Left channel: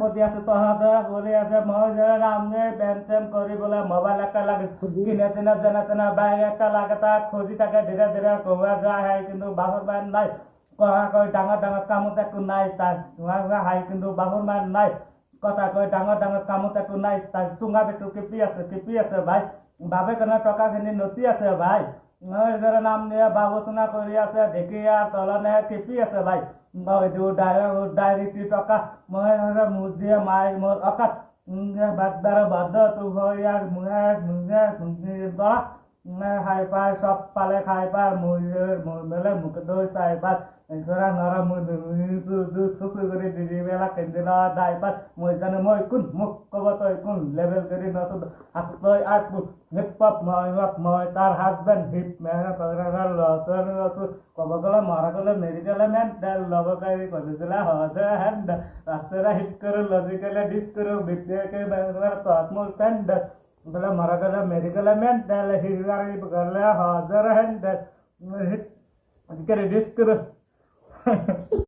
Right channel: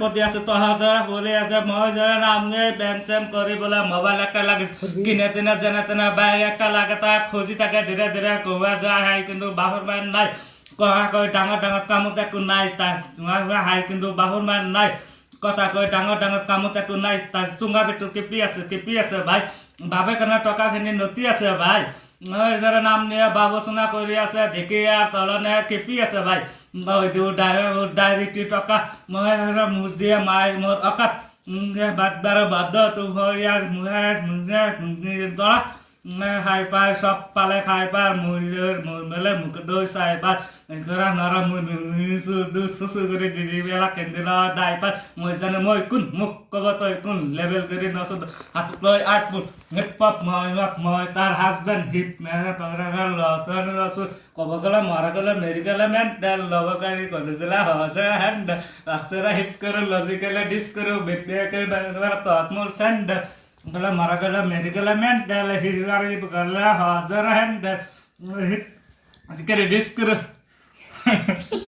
প্রতি আছে তহাদরা বলে আছে মহাজনের নামে প্যান স্যান করি বলে মোবাইল একটা লাগে কিনে তিনে জেনে তেনে ব্যাগ একটা লাগে তা খুঁজি থাকে ধীরে ধীরে কবা যায় হাই কিন্তু বাপর মায়ের নাই কহা কই ডাঙর ডাঙর কামত একটু নাই তার হাই কিন্তু বাপর মায়ের নাই কথা কই ডাঙর ডাঙর কামত একটু নাই তার চুঙা বেটু কেপি আছে ভাই বাবে কেন টকাখিনি নতি আছে ভাই যারা নাম নিয়ে বাবুচনা কৰি আছে ঢেঁকী আর তলনে কেপি আছে ভাই ডাইরেক্ট টকা মই মুজ দিয়ে মাই মোর অকাত বাদ বাধ্য তো হয় আর মুহে দৰা খাই পাই সব পালে খাই পাই মেলে মুখ দৈ চাই পাই ঘৰা নৰা চুচু কৰি দিদি বেলা কেন্দ্ৰ দাই পাই মই জানো মই কোন মোক ক'ব তই কোন লেভেল কৰি নচো হাতত লৈ আইফোন হিপ মই তাৰ হাজবেণ্ড হিপ লতনো আছো ক'ব গ'লে মৰা গ'লে মেৰি গ'লে মেন লব গাড়ী কলেজলা সহজে হেণ্ড ৰাস্তাৰে হিপ কৰোঁ লজিকেলে ডিছ কৰোঁ বিপিয়াকে তহঁত মোৰ চেণ্ড গ'লে মৰা গ'লে মেৰি গ'লে মেন হিৰাৰী গ'লে সহজে হেণ্ড হিপ ডিছ কৰোঁ